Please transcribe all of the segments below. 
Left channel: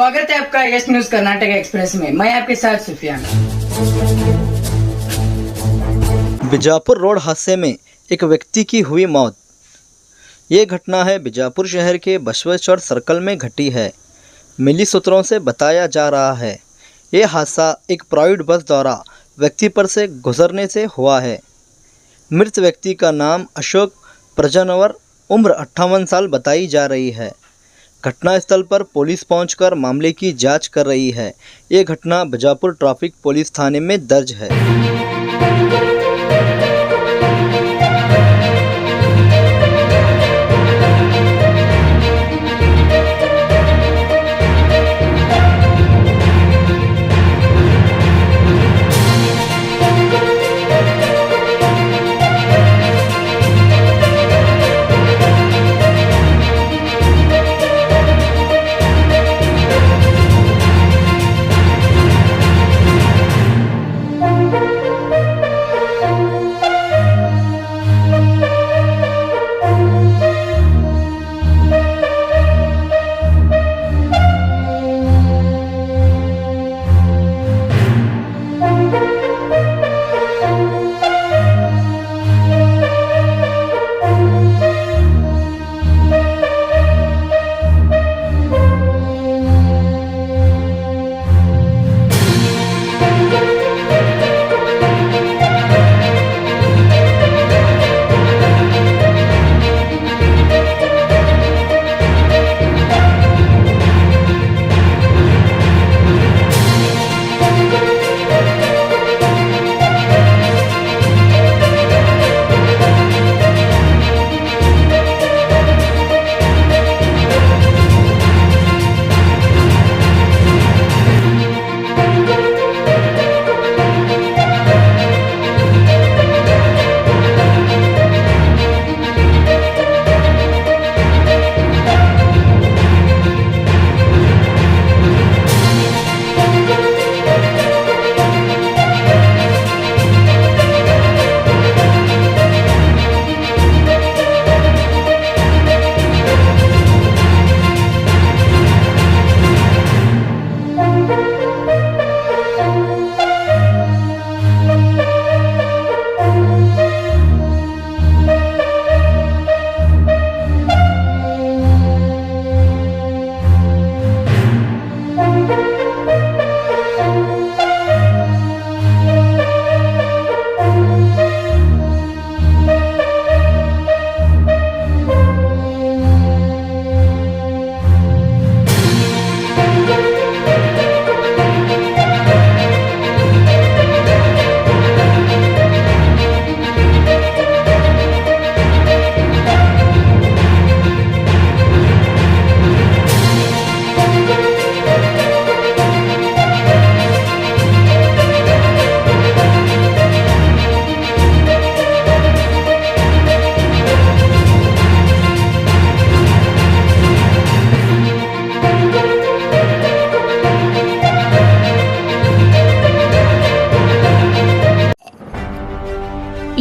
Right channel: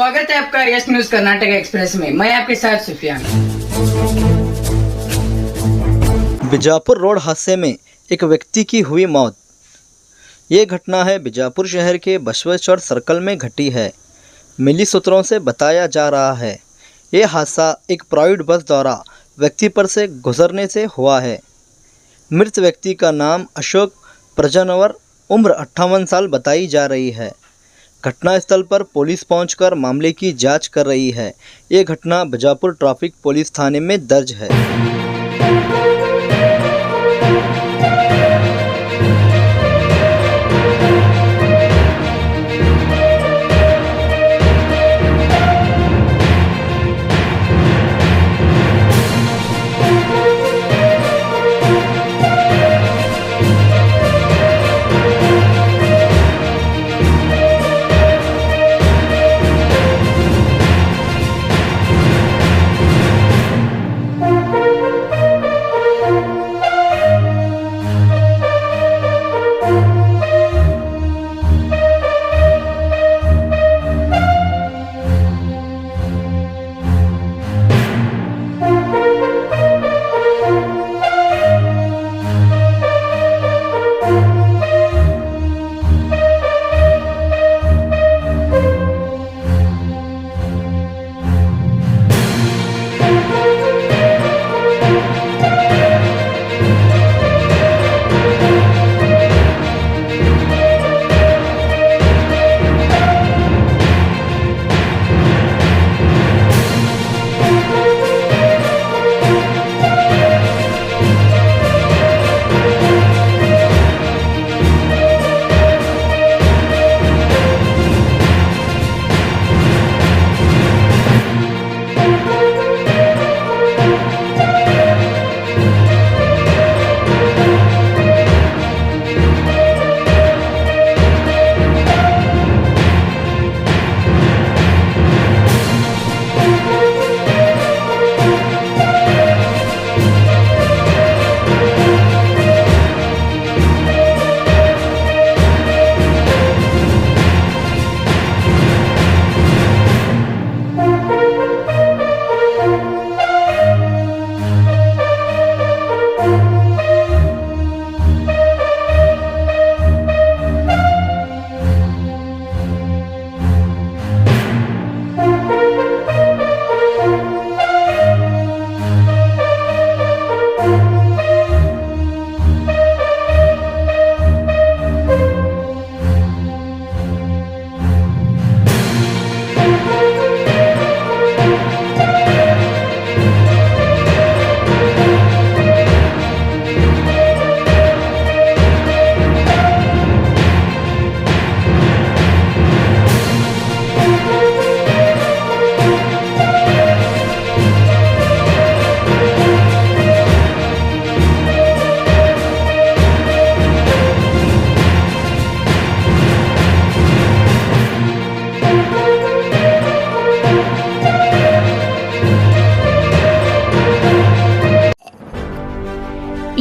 स्वागत है आपका यस न्यूज कर्नाटक एक्सप्रेस में। मैं आपके साथ सुफियान। बीजापुर रोड हादसे में एक व्यक्ति की हुई मौत। ये घटना है बीजापुर शहर के बसवेश्वर सर्कल में घटी है। मिली सूत्रों से बताया जा रहा है ये हादसा एक प्राइवेट बस द्वारा व्यक्ति पर से गुजरने से हुआ है। मृत व्यक्ति का नाम अशोक प्रजनवर उम्र 58 साल बताई जा रही है। घटनास्थल पर पुलिस पहुंचकर मामले की जांच कर रही है। ये घटना बीजापुर ट्रैफिक पुलिस थाने में दर्ज है।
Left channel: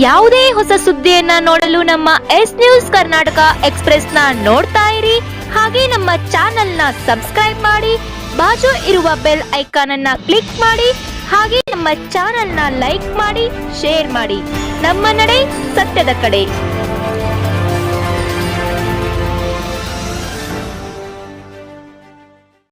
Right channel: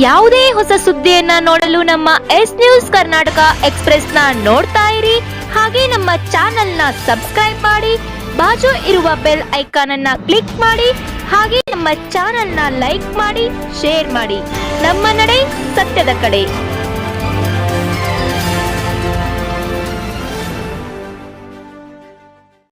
ಯಾವುದೇ ಹೊಸ ಸುದ್ದಿಯನ್ನ ನೋಡಲು ನಮ್ಮ ಎಸ್ ನ್ಯೂಸ್ ಕರ್ನಾಟಕ ಎಕ್ಸ್ಪ್ರೆಸ್ ನ ನೋಡ್ತಾ ಇರಿ. ಹಾಗೆ ನಮ್ಮ ಚಾನೆಲ್ ನ ಸಬ್ಸ್ಕ್ರೈಬ್ ಮಾಡಿ, ಬಾಜು ಇರುವ ಬೆಲ್ ಐಕಾನ್ ಅನ್ನ ಕ್ಲಿಕ್ ಮಾಡಿ. ಹಾಗೆ ನಮ್ಮ ಚಾನೆಲ್ ನ ಲೈಕ್ ಮಾಡಿ, ಶೇರ್ ಮಾಡಿ. ನಮ್ಮ ನಡೆ ಸತ್ಯದ ಕಡೆ.